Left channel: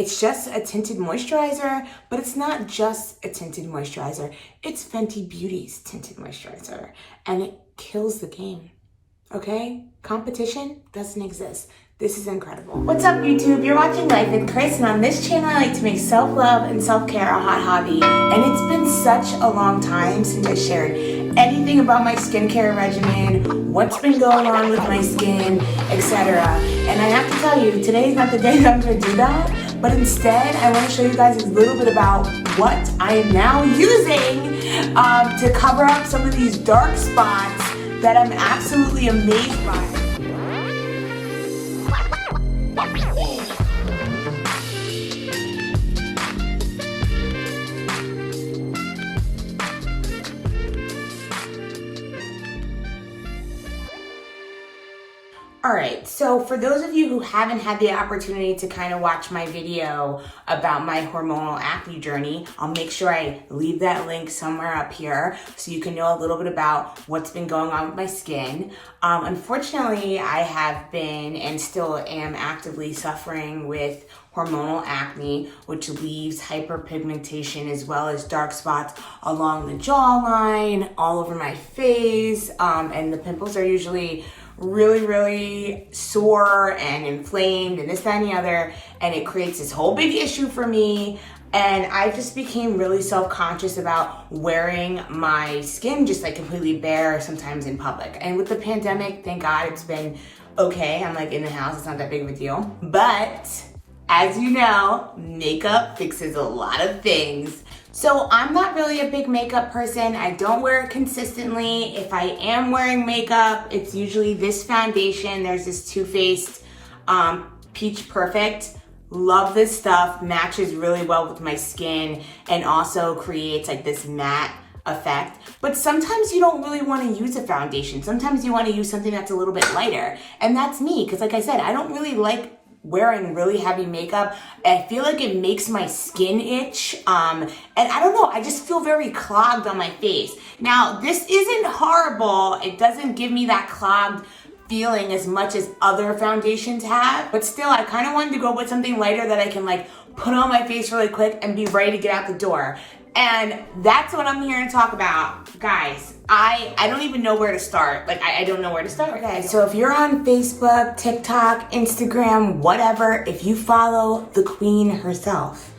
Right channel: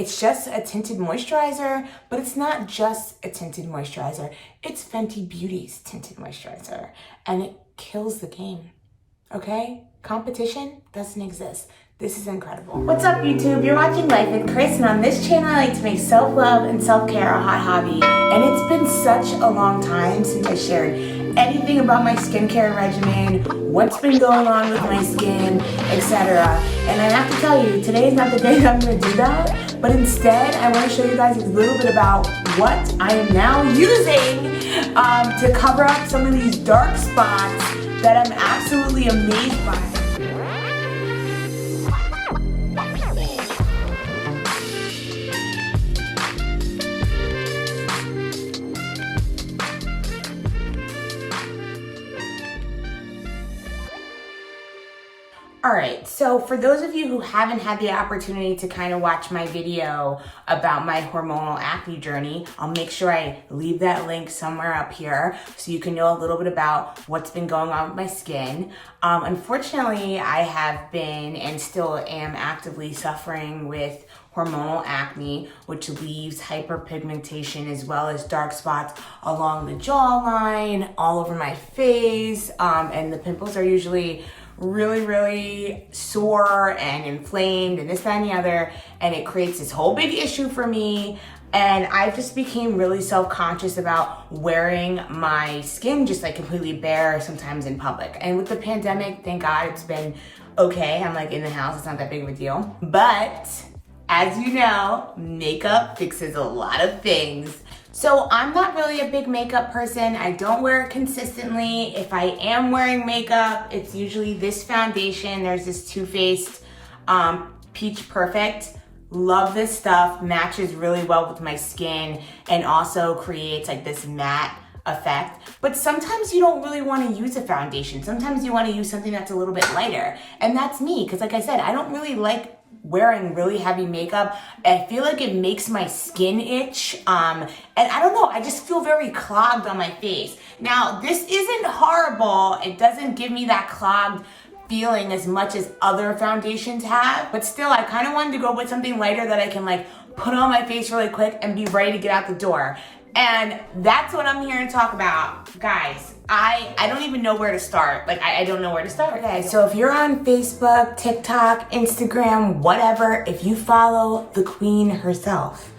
It's just a tinted moisturizer, but it's not just a tinted moisturizer. It's Fenty Beauty's tinted moisturizer, and it kills the game, okay? Competition doesn't exist. This is incredible. What's up, YouTube? You're watching Life with Chris, and on this channel, I like to make self-love and self-care a hot hobby. And it's been such a long time since I shared anything about my skincare regimen, what's been going on with my skin, etc. And I have to tell you, today is not the day that I'm gonna do that, but instead, I wanna show you guys a little bit about what I am now using to cover up some of these dark spots that I'm absolutely amazed by. Alright, so for those of you who haven't had the opportunity to kind of watch my video about my hormonal acne journey, I'll make sure I leave that link somewhere up here so you can know a little bit about what's been going on with my skin. Unfortunately, I have been and still am actively suffering with hormonal acne, which leaves hyperpigmentation as well as dark spots along the jawline, all over my face, and the pimples are usually really sore and inflamed and this, that, and the other, and it creates this whole big issue for me. And I just became really self-conscious about wearing my skin just like completely bare sometimes in public. And with the pandemic, thank God it's been okay. I'm like in the house, it's not that big of a deal. But as you know, makeup fixes a lot of things. So I'm not really a big makeup person. I don't wear it consistently. If I am wearing makeup, it's usually this foundation. There's this Too Faced Peach Perfect. Love this stuff, matches really well with my skin and also creates like this matte effect. But sometimes you don't really want to use a foundation. Sometimes you want to use something that's a little bit lighter. And that's me, because like I said, I don't really like wearing really heavy makeup. I feel like it makes my skin itch. And I don't know, I just feel very clogged on my face. Now, this isn't horrible. It doesn't give me that clogged feeling as much as other foundations have, but still, I kind of wanted to go with something lighter that I can like put on my face really quick and be ready to get out the door. And that's what I'm here to talk about. Guys, I don't even know where to start. Like, I don't know where to start. Okay, so if you're on Facebook, TikTok, Instagram, whatever, if you follow the queen herself,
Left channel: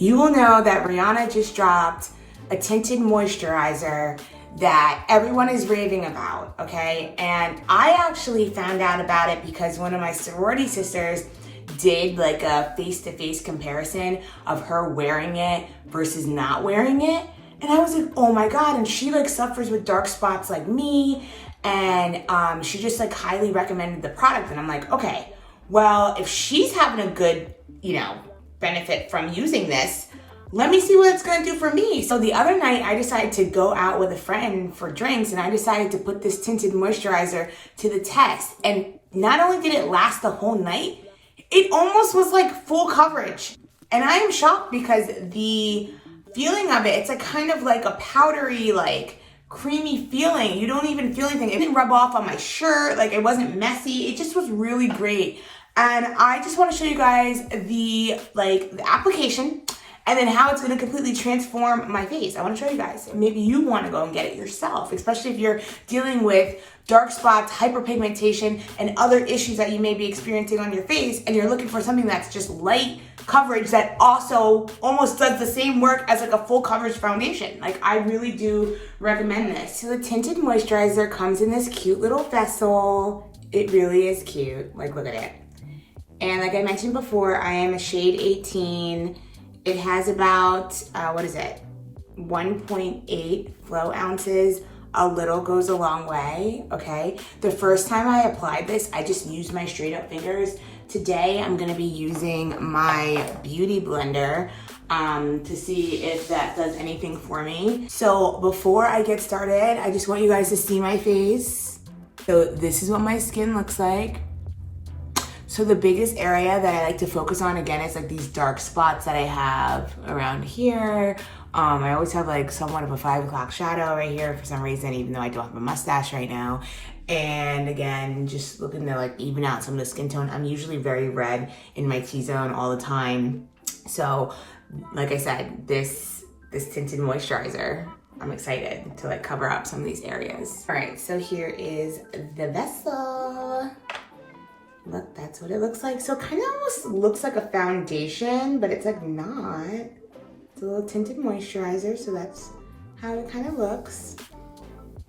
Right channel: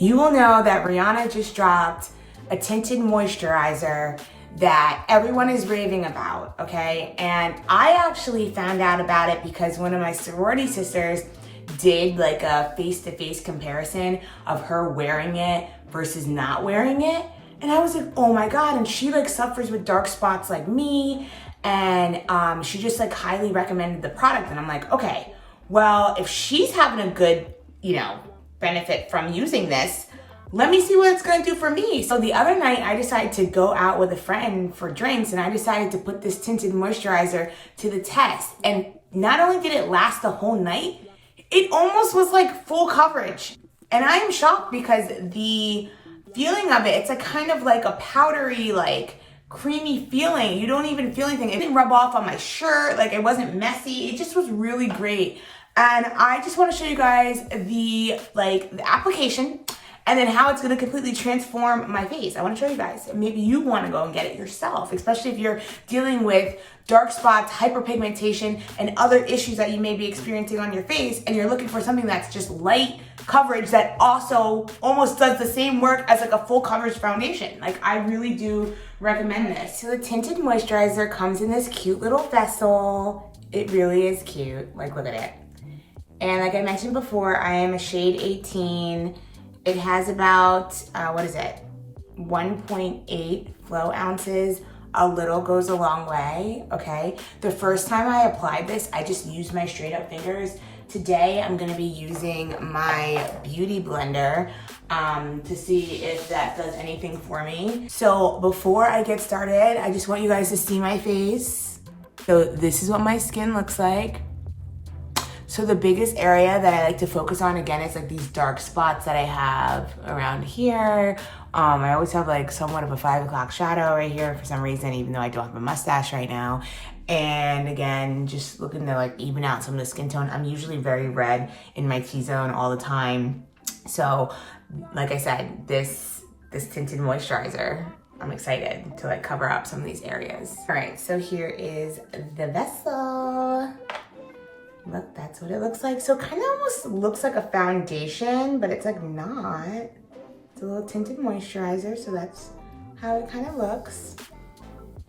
you will know that Rihanna just dropped a tinted moisturizer that everyone is raving about, okay? And I actually found out about it because one of my sorority sisters did like a face-to-face comparison of her wearing it versus not wearing it. And I was like, oh my God. And she like suffers with dark spots like me. And she just like highly recommended the product. And I'm like, okay, well, if she's having a good, benefit from using this, let me see what it's gonna do for me. So the other night I decided to go out with a friend for drinks, and I decided to put this tinted moisturizer to the test. And not only did it last the whole night, it almost was like full coverage. And I am shocked because the feeling of it, it's like kind of like a powdery, like creamy feeling. You don't even feel anything. It didn't rub off on my shirt. Like it wasn't messy. It just was really great. And I just want to show you guys the application and then how it's going to completely transform my face. I want to show you guys. Maybe you want to go and get it yourself, especially if you're dealing with dark spots, hyperpigmentation, and other issues that you may be experiencing on your face, and you're looking for something that's just light coverage that also almost does the same work as like a full coverage foundation. Like, I really do recommend this. So the tinted moisturizer comes in this cute little vessel. It really is cute. Like, look at it. And like I mentioned before, I am a shade 18. It has about, 1.8 flow ounces. A little goes a long way, okay? The first time I applied this, I just used my straight up fingers. Today, I'm gonna be using my beauty blender to see if that does anything for me. So before I get started, I just want you guys to see my face. So this is what my skin looks like. So the biggest area that I like to focus on, again, is like these dark spots that I have around here. I always have like somewhat of a 5 o'clock shadow right here for some reason, even though I don't have a mustache right now. And again, just looking to like even out some of the skin tone. I'm usually very red in my T-zone all the time. So like I said, this tinted moisturizer, I'm excited to like cover up some of these areas. All right, so here is the vessel. Look, that's what it looks like. So it kind of almost looks like a foundation, but it's like not. It's a little tinted moisturizer, so that's how it kind of looks.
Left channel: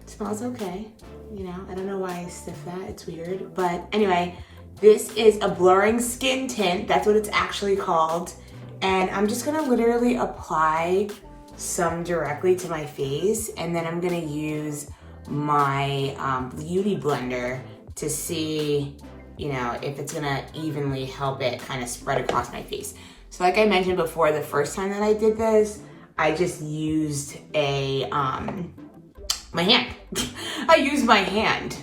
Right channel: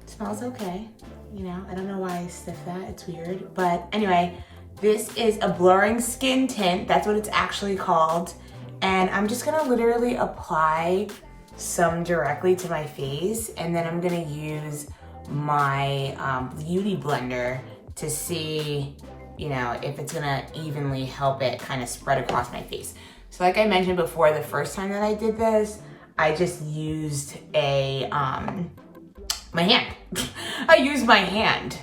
It smells okay. You know, I don't know why I sniff that, it's weird. But anyway, this is a blurring skin tint. That's what it's actually called. And I'm just gonna literally apply some directly to my face, and then I'm gonna use my beauty blender to see, you know, if it's gonna evenly help it kind of spread across my face. So like I mentioned before, the first time that I did this, I just used a, my hand. I used my hand.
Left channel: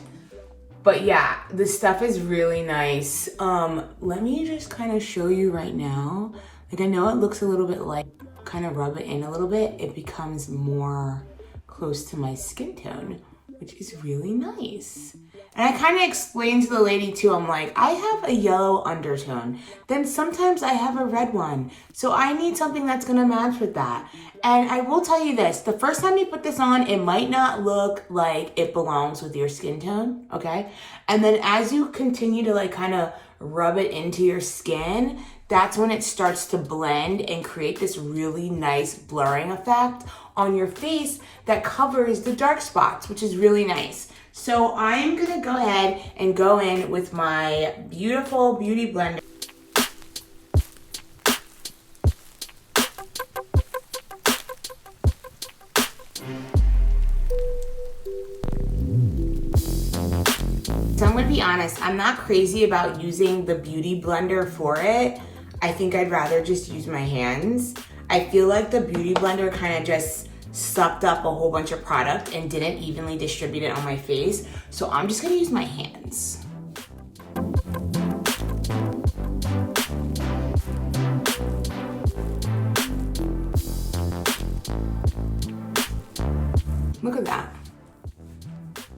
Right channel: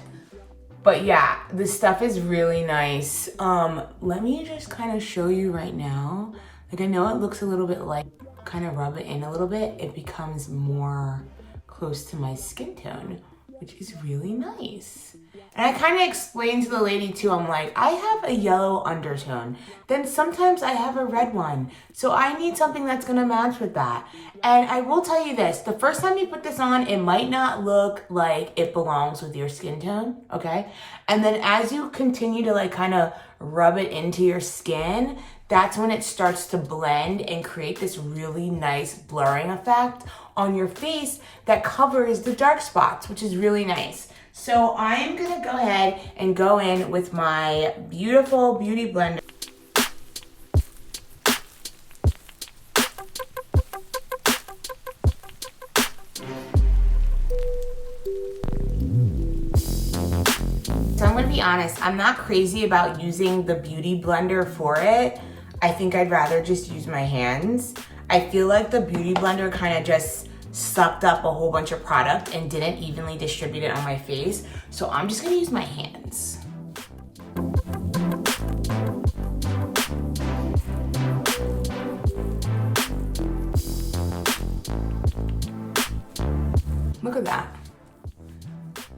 But yeah, this stuff is really nice. Let me just kind of show you right now. Like I know it looks a little bit like, kind of rub it in a little bit, it becomes more close to my skin tone, which is really nice. And I kind of explained to the lady too, I'm like, I have a yellow undertone, then sometimes I have a red one. So I need something that's gonna match with that. And I will tell you this, the first time you put this on, it might not look like it belongs with your skin tone, okay? And then as you continue to like kind of rub it into your skin, that's when it starts to blend and create this really nice blurring effect on your face that covers the dark spots, which is really nice. So I'm gonna go ahead and go in with my beautiful beauty blender. So I'm gonna be honest, I'm not crazy about using the beauty blender for it. I think I'd rather just use my hands. I feel like the beauty blender kind of just sucked up a whole bunch of product and didn't evenly distribute it on my face. So I'm just gonna use my hands. Look at that.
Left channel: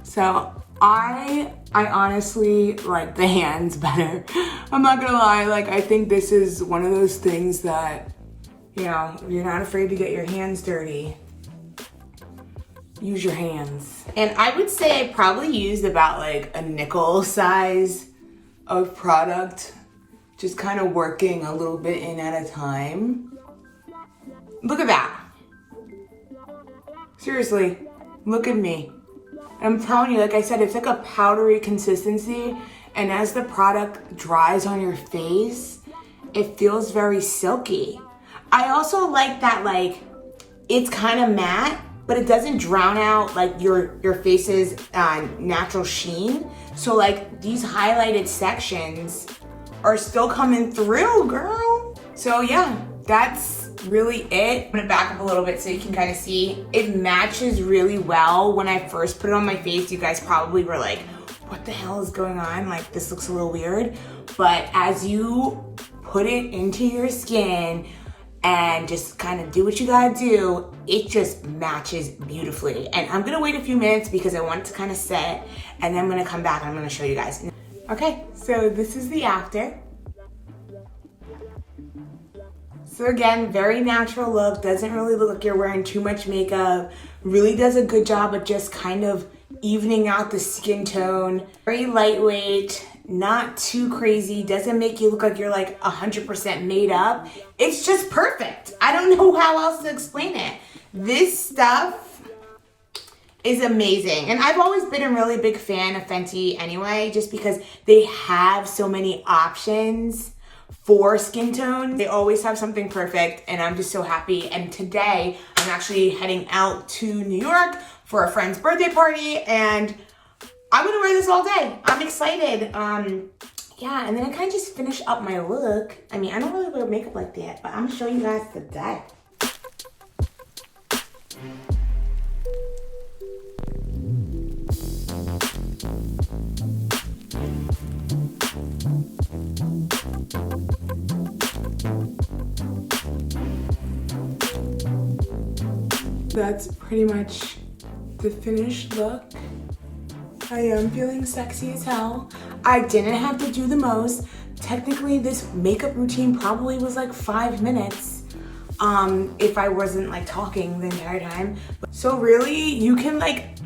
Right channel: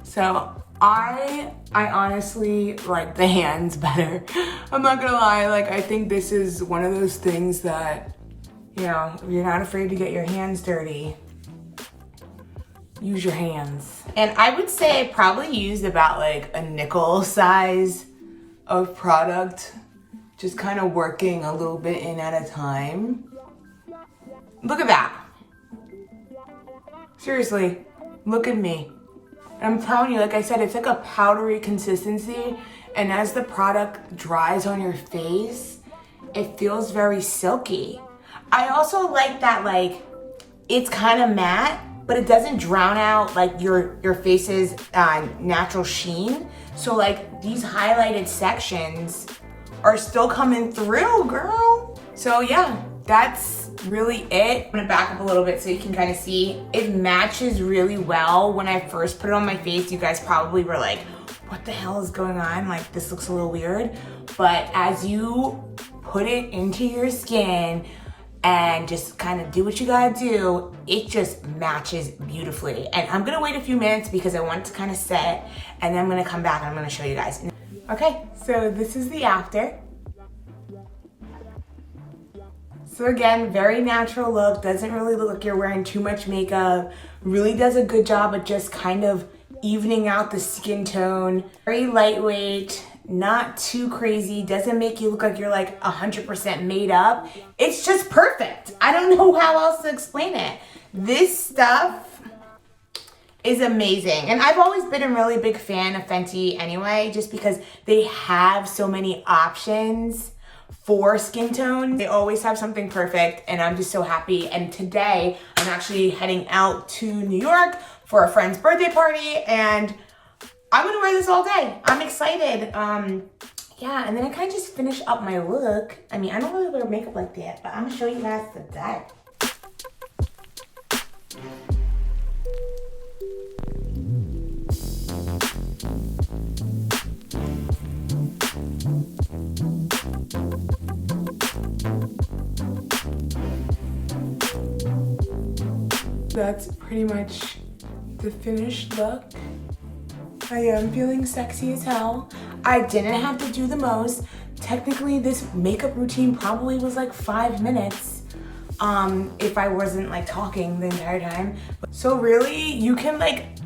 So I honestly like the hands better. I'm not gonna lie, like I think this is one of those things that, you know, you're not afraid to get your hands dirty. Use your hands. And I would say I probably used about like a nickel size of product, just kind of working a little bit in at a time. Look at that. Seriously, look at me. I'm telling you, like I said, it's like a powdery consistency, and as the product dries on your face, it feels very silky. I also like that, like, it's kind of matte, but it doesn't drown out like your face's natural sheen. So like these highlighted sections are still coming through, girl. So yeah, that's really it. I'm gonna back up a little bit so you can kind of see. It matches really well. When I first put it on my face, you guys probably were like, what the hell is going on? Like, this looks a little weird. But as you put it into your skin and just kind of do what you gotta do, it just matches beautifully. And I'm gonna wait a few minutes because I want it to kind of set, and then I'm gonna come back and I'm gonna show you guys. Okay, so this is the after. So again, very natural look, doesn't really look like you're wearing too much makeup, really does a good job at just kind of evening out the skin tone. Very lightweight, not too crazy, doesn't make you look like you're like 100% made up. It's just perfect. I don't know how else to explain it. This stuff is amazing. And I've always been a really big fan of Fenty anyway, just because they have so many options for skin tone. They always have something perfect, and I'm just so happy. And today I'm actually heading out to New York for a friend's birthday party, and I'm gonna wear this all day. I'm excited. Yeah, and then I kind of just finish up my look. I mean, I don't really wear makeup like that, but I'm gonna show you guys today. That's pretty much the finished look. I am feeling sexy as hell. I didn't have to do the most. technically this makeup routine probably was like 5 minutes if I wasn't like talking the entire time. So really, you can like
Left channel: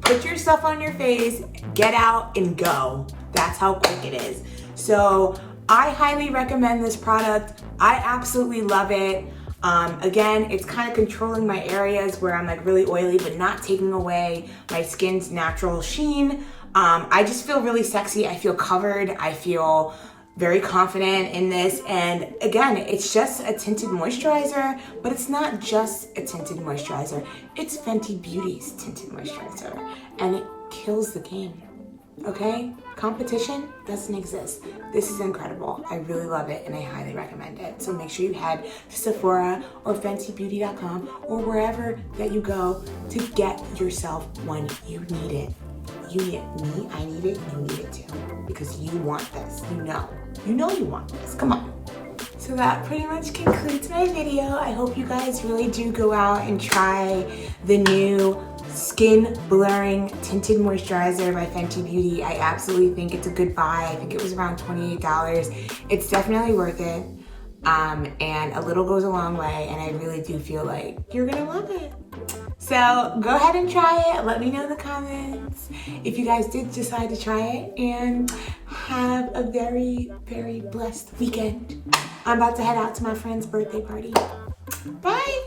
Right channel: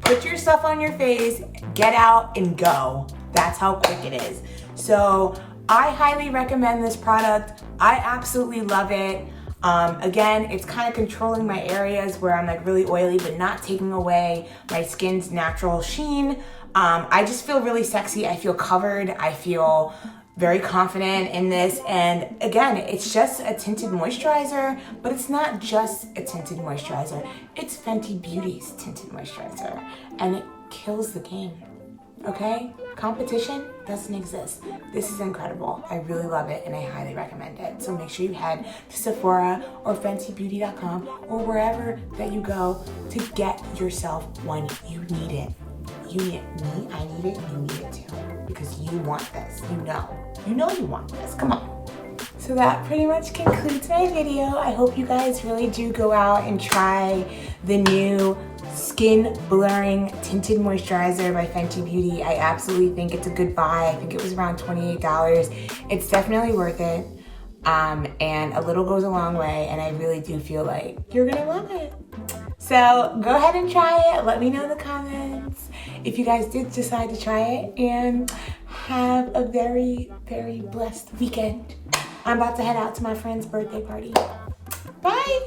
put your stuff on your face, get out and go. That's how quick it is. So I highly recommend this product. I absolutely love it. Again, it's kind of controlling my areas where I'm like really oily, but not taking away my skin's natural sheen. I just feel really sexy. I feel covered. I feel very confident in this. And again, it's just a tinted moisturizer, but it's not just a tinted moisturizer. It's Fenty Beauty's tinted moisturizer, and it kills the game. Okay? Competition doesn't exist. This is incredible. I really love it and I highly recommend it. So make sure you head to Sephora or FentyBeauty.com or wherever that you go to get yourself one. You need it. You need it. Me, I need it. You need it too. Because you want this. You know you want this. Come on. So that pretty much concludes my video. I hope you guys really do go out and try the new Skin Blurring Tinted Moisturizer by Fenty Beauty. I absolutely think it's a good buy. I think it was around $28. It's definitely worth it. And a little goes a long way, and I really do feel like you're gonna love it. So go ahead and try it. Let me know in the comments if you guys did decide to try it, and have a very, very blessed weekend. I'm about to head out to my friend's birthday party. Bye.